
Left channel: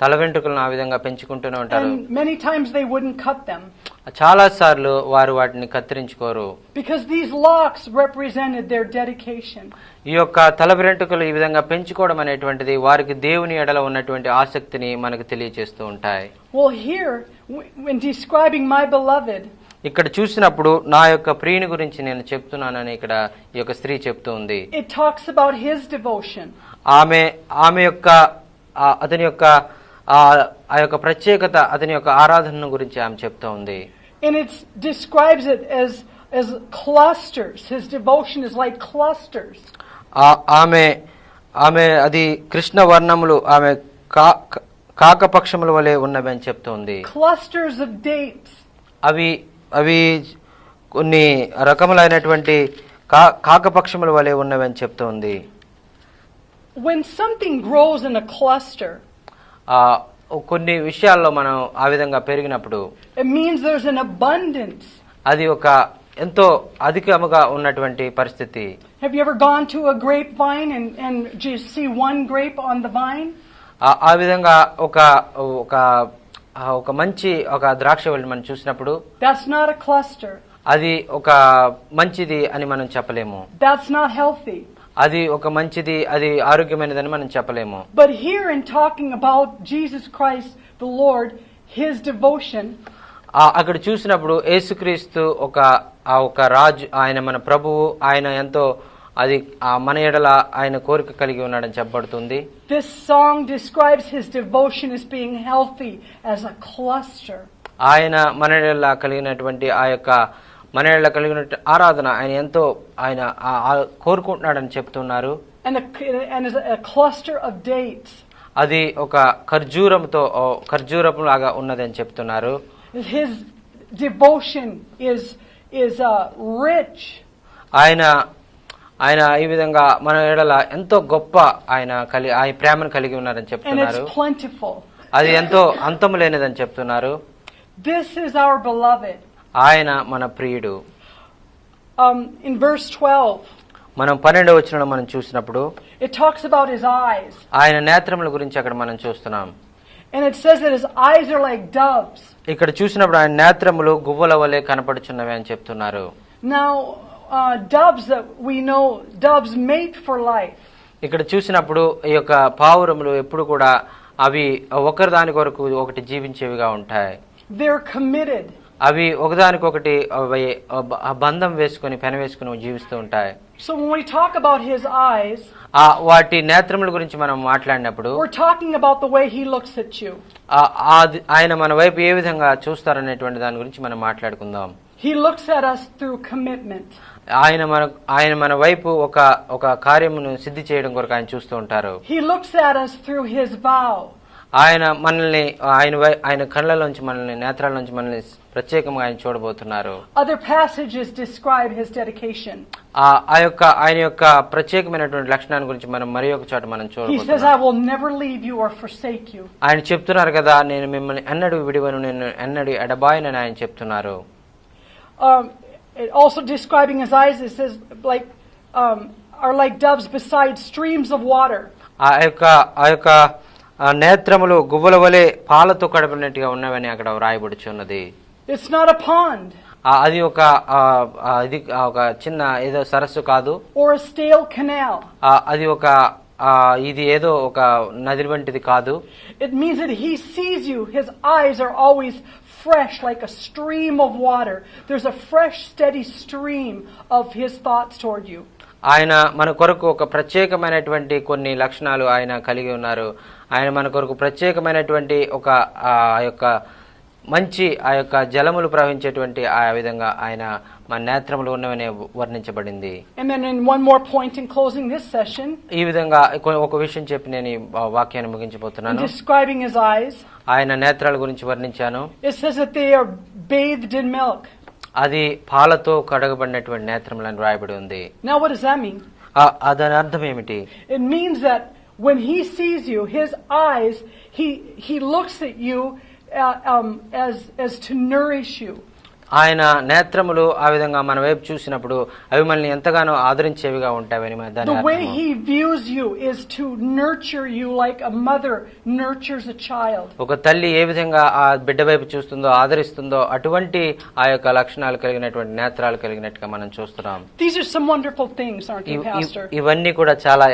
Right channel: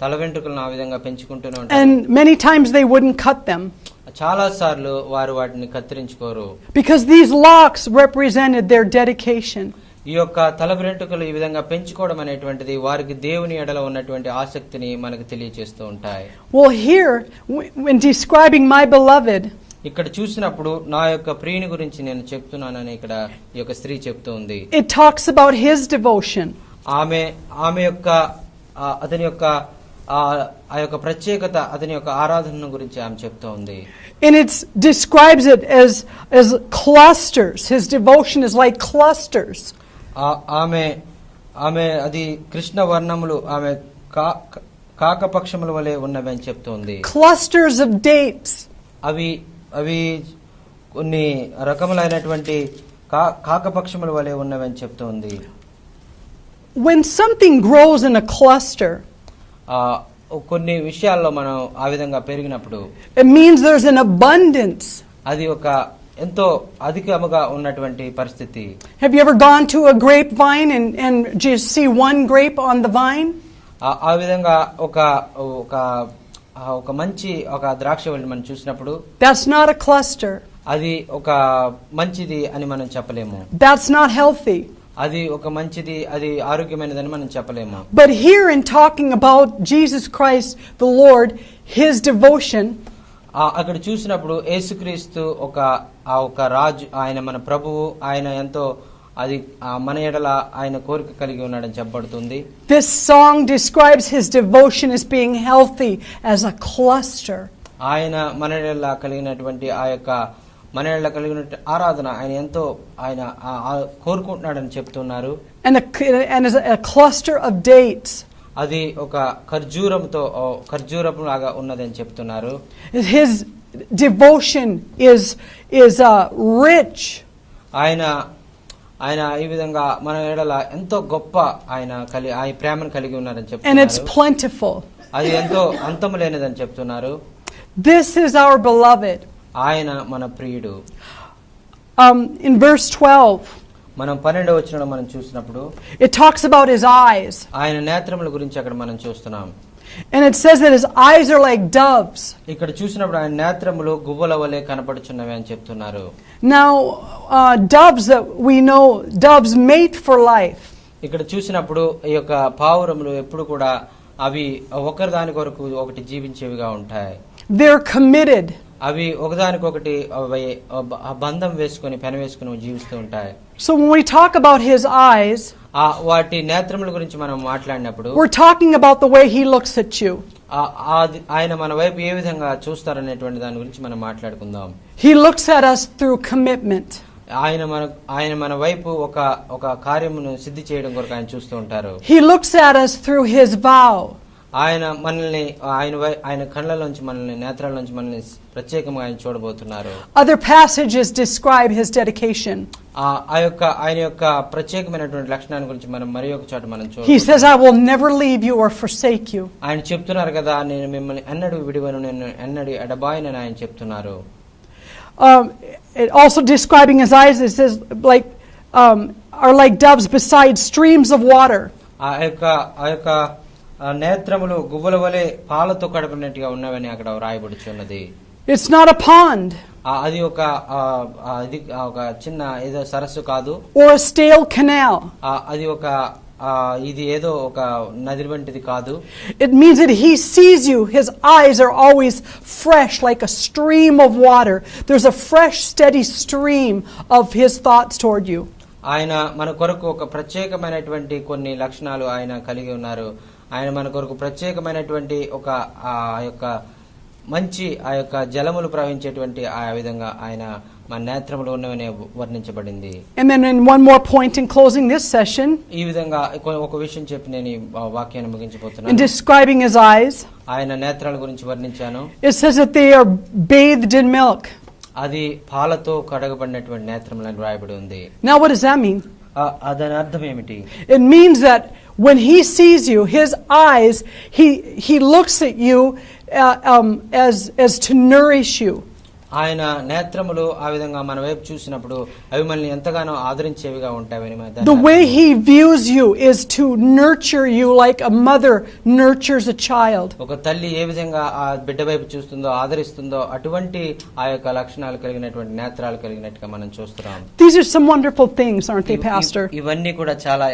తల వెంట్రుకలను ఆ విధంగా పెంచుకుంటూనే ఉంటారు. And many times they wouldn't cut them. చాలా సార్లు వారు వాటిని కత్తిరించుకోరు. Because these locks represented their dedication. ఈ యొక్క తల వెంట్రుకలు ఈ విధంగా పెంచుకోవడం అనేటువంటిది వారికి దేవుని ఎడల ఉన్నటువంటి ఆసక్తిని మనకు తెలియజేస్తూ ఉంటాయి. Well, here when describing my beloved, ఇక్కడ చూసినప్పుడు నా యొక్క ప్రియుని గురించి నేను చెప్తున్నానని ఇక్కడ ఈ యొక్క స్త్రీ చెప్తూ ఉంది. it talks about his devotion. ఆమె యొక్క అతని యొక్క ఆ యొక్క ప్రత్యేకత అతని యొక్క ఆరాధన గురించి ఆమె చెప్తూ ఉంది. And it describes it as clusters. His devotion is like clusters. ఆమె అది కృష్ణ వర్ణములు ఆమె కాకపక్షముల వలె ఉన్నవి అని చెప్తుంది. Clusters of dates. అవి కొన్ని రకములైనటువంటి కాకపక్షముల వలె ఉన్నవి అని చెప్తుంది. When something grows in a cluster, కొన్ని విషయాల్లో మనం ఆ విధంగా పెరిగినప్పుడు it means there's an abundance. అది ఒక ఎంతో అధికముగా ఉన్నటువంటి పరిస్థితి. Have you ever gone to a grapevine and just see one grape on the vine? ఆ విధంగా ఒక మంచి ఒక ద్రాక్షవల్లి మనం చూసినప్పుడు That's not a cluster. అది ఒక మంచిది అని మనం చెప్పలేము. That's not healthy. అది ఒక మంచిది అది ఆరోగ్యమైనదని మనం చెప్పలేము. But here in talking about Jesus Christ the Lord, his devotion, అక్కడ చూసినప్పుడు యేసుక్రీస్తు ఒక రాజు, ఆయన మన ప్రభువు, ఆయన ఎంతో అది మన ఎడల ఆయన కోరిక కలిగి ఉన్నాడని చెప్పబడుతుంది. This song describes his devotion as being healthy as a cluster. ఆయన మన ఎడల కలిగినటువంటి ఆ యొక్క మన ఎడల కలిగిన ఆరాధన ఆయన ఎంతో ఆయన కోరుకుంటున్నాడని చెప్తున్నారు. And as a cluster of dates. అది ఒక ఖర్జూరపు లాగా ఉన్నదని చెప్తున్నారు. His devotion is rich. ఆయన ఈ విధంగా మన ఎడల ఎంతో గొప్ప ఆయన ప్రేమను కలిగి ఉన్నారని చెప్తున్నారు. And it's plentiful. అది ఎంతో అంతము లేనిదని చెప్తున్నారు. This is our beloved. ఆయన మన ప్రియుడు. In verse 12, మనం 12వ వచనంలో మనం చూసినప్పుడు it talks about his eyes. ఆయన నేత్రముల గురించి అక్కడ మనం చూస్తున్నాం. And it says that his eyes are like doves. ఇక్కడ చూసినప్పుడు ఆయన నేత్రములు గువ్వల వలె కనపడుచున్నవి అని చెప్తున్నారు. Now doves that we know, doves mate for life. ఇక్కడ చూసినప్పుడు ఈ యొక్క పావురములు ఎప్పుడు కూడా అవి ఒకరి దాని కొరకు ఒకటి జీవించేవిగా ఉంటాయి. They're committed. అవి ఒకదానికొకటి బంధం వేసుకొని పెనవేసుకొని జీవిస్తూ ఉంటాయి. So when we talk about his eyes, వాటి నేత్రముల గురించి మనం మాట్లాడినప్పుడు we're talking about the way he looks at you. ఆయన మన వైపు ఏ విధంగా చూస్తారనేటువంటి దాని గురించి మనం మాట్లాడుకుందాం. He looks at us through commitment. ఆయన మన వైపు ఒక కార్యమును సిద్ధి చేయడం కొరకు ఆయన చూస్తూ ఉంటారు. He looks at us through his vow. ఆయన మనల్ని ఆయన కళ్ళలోంచి మనల్ని నేత్రాల్లోంచి మనల్ని ప్రత్యేకంగా ఆయన చూడబోతున్నారు. Other passages describe his dedication. ఆయన యొక్క ప్రత్యేకమైనటువంటి లక్షణాల గురించి మనం మరి ఒక చోట మనం చూడవచ్చు. He says, I will never leave you or forsake you. ఆయన చెప్తున్నారు కదా, నేను మిమ్మల్ని ఎన్నడూ విడివను, నేను ఎన్నడూ ఎడబాయనని ఆయన చెప్తున్నారు. Also describing his eyes, it says are like doves beside streams of water. ఆ యొక్క నేత్రములు గువ్వల వలె పాలతో కడపడినట్టుగా ఉన్నవని అక్కడ రాయబడుచున్నది. It's not a pond. అది ఒక చిన్న ఏదో సరస్సు కాదు. Or a stale canal. అది ఒక ఇది ఏదో ఒక నది వంటిది కాదు. It means that he sees you. His eyes are always fresh like a stream of water. There's a fresh, steady stream of his thoughts toward you. ఆయన మన కొరకు ఒక ప్రత్యేకమైనటువంటి కొన్ని లక్షణాలు ఆయన కలిగి ఉన్నారు. ఆయన మన కొరకు ప్రత్యేకమైనటువంటి ఒక యొక్క మంచి ఆ యొక్క జలములు ప్రవహించేటువంటి ఆ విధంగా ఆయన మన నేత్రములు ఉన్నవనే వర్ణించబడింది. And then in one more point in closing this session, ఈ విధంగా ఒక విషయం చెప్పి నేను ఈ వాక్యాన్ని ముగించబోతున్నాను. in describing his eyes, ఆయన నేత్రాల గురించి వర్ణించాను. it says that they are bathed in milk. అది పాలతో కడగబడినటువంటి నేత్రములని రాయబడి ఉంది. Now what does that mean? దాని అర్థం ఏమిటి? It means that when he sees you, his eyes, he looks at you as to nourish you. ఆయన నేత్రములు ఆ విధంగా మన వైపు చూసినప్పుడు అవి మనల్ని ఎంతగానో ఆదరించేవిగా ఉంటాయని. The way he views you is to nurture you like a mother nurtures a child. ఒక తల్లి ఏ విధంగా ఆ బిడ్డ వైపు చూస్తుందో ఆదరిస్తుందో అటువంటి ఆ యొక్క లక్షణాలు కలిగినటువంటి నేత్రాలు కలిగినట్టుగా మనం చూస్తున్నాం. These are some wonderful things, aren't they, Pastor? ఇవన్నీ కూడా చాలా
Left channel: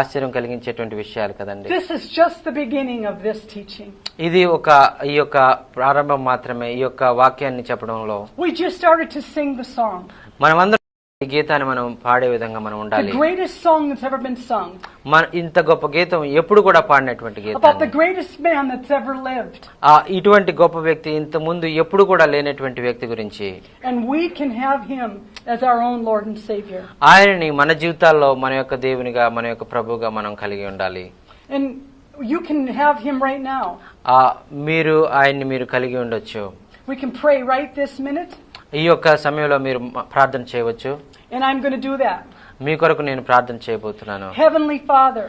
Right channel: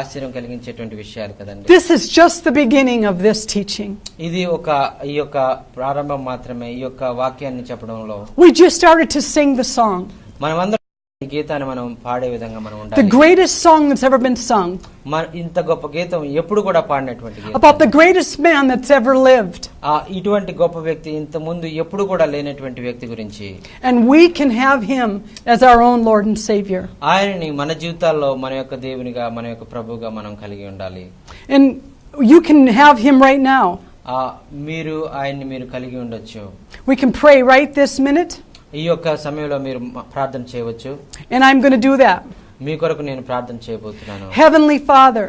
ఆశ్చర్యం కలిగించేటువంటి విషయాలు కదండి. This is just the beginning of this teaching. ఇది ఈ యొక్క ప్రారంభం మాత్రమే ఈ యొక్క వాక్యాన్ని చెప్పడంలో. We just started to sing the song. మనమందరం ఈ గీతాన్ని మనం పాడే విధంగా మనం ఉండాలి. The greatest song that's ever been sung. ఇంత గొప్ప గీతం ఎప్పుడు కూడా పాడినటువంటి గీతం. About the greatest man that's ever lived. ఇటువంటి గొప్ప వ్యక్తి ఇంత ముందు ఎప్పుడు కూడా లేనటువంటి వ్యక్తి గురించి. And we can have him as our own Lord and Savior. ఆయనని మన జీవితాల్లో మన యొక్క దేవునిగా మన యొక్క ప్రభువుగా మనం కలిగి ఉండాలి. And you can have him right now. మీరు ఆయన్ని మీరు కలిగి ఉండొచ్చు. We can pray right this minute. ఈ యొక్క సమయంలో మీరు ప్రార్థన చేయవచ్చు. And I'm going to do that. మీ కొరకు నేను ప్రార్థన చేయబోతున్నాను. Heavenly Father,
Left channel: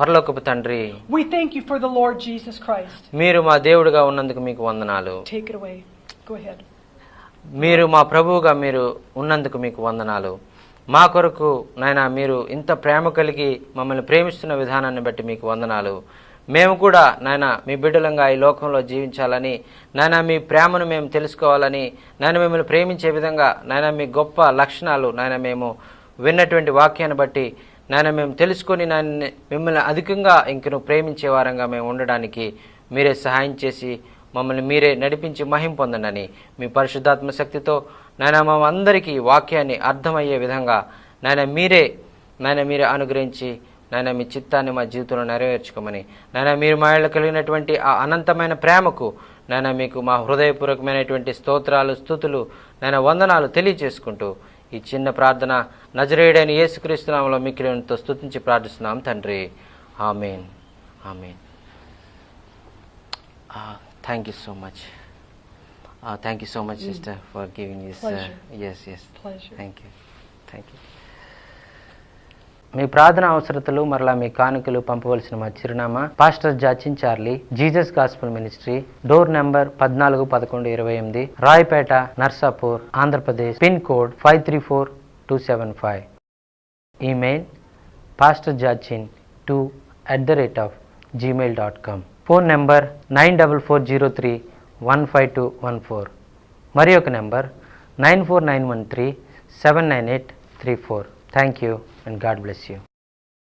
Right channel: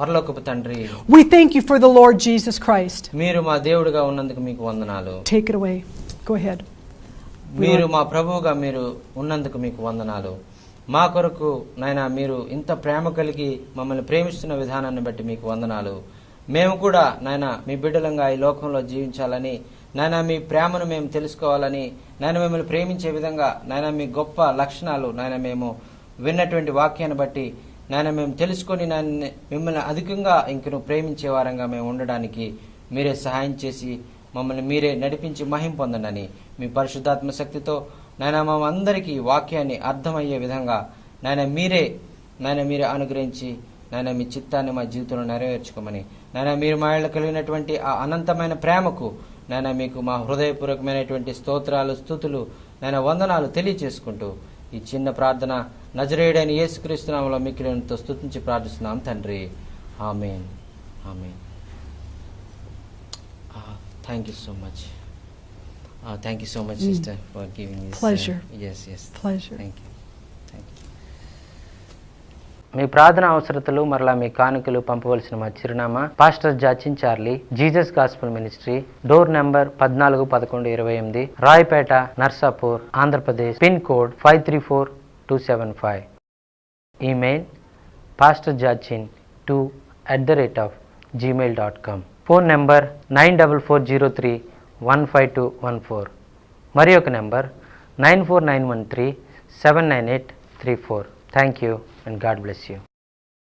పరలోకపు తండ్రి, we thank you for the Lord Jesus Christ. మీరు మా దేవుడిగా ఉన్నందుకు మీకు వందనాలు. Take it away. Go ahead. మీరు మా ప్రభువుగా మీరు ఉన్నందుకు మీకు వందనాలు. మా కొరకు నాయనా మీరు ఇంత ప్రేమ కలిగి మమ్మల్ని ప్రేమిస్తున్న విధానాన్ని బట్టి మీకు వందనాలు. మేము కూడా నాయన మీ బిడ్డలంగా ఈ లోకంలో జీవించాలని, నాయన మీ ప్రేమను మేము తెలుసుకోవాలని, నాయన మిమ్మల్ని ప్రేమించే విధంగా నాయన మీ గొప్ప లక్షణాలు నాయన మేము విన్నటువంటి వాక్యాన్ని బట్టి నాయన మేము తెలుసుకొని నాయన మిమ్మల్ని అధికంగా ఇంకను ప్రేమించే వారంగా మేము ఉండడానికి మీరే సహాయం చేసి మమ్మల్ని మీరే నడిపించి మహిమ పొందండి. మీ పరిశుద్ధాత్మ శక్తితో నాయన మా అందరికీ వాక్యాన్ని అర్థమయ్యే విధంగా నాయన మీరే అనుగ్రహించి నాయన మీ చిత్తాన్ని మా జీవితంలో నెరవేర్చుకోమని, నాయన మీరు మా ఇళ్ళ కలిగినటువంటి ఆ అనంతమైన ప్రేమకు నాయన మీకు మా హృదయపూర్వకమైనటువంటి స్తోత్రాలు, స్తుతులు, నాయన వందనాలు తెలియజేసుకుంటూ ఈ చిన్న ప్రార్థన నజరేయుడైన యేసుక్రీస్తు నామములో మిక్కిలితో స్తుతించి ప్రార్థిస్తున్నాం తండ్రి. ఆమేన్. ఆమేన్. Thank you so much. Thank you so much, sister, for giving this. Pleasure. Yes. Pleasure. Thank you. మీ ప్రార్థన అవసరతలు మరలా మీ కానుకలు పంపవలసిన మా చిరునామా pastor Jachin Charlie, Jesus gospel ministry, door number 141128, Rayapeta, Narsapur, Andhra Pradesh, pin code 534275. Email pastorjachin2@gmail.com. Phone number 9440315214. మరి ఒక number 94913798334. Thank you and God bless you.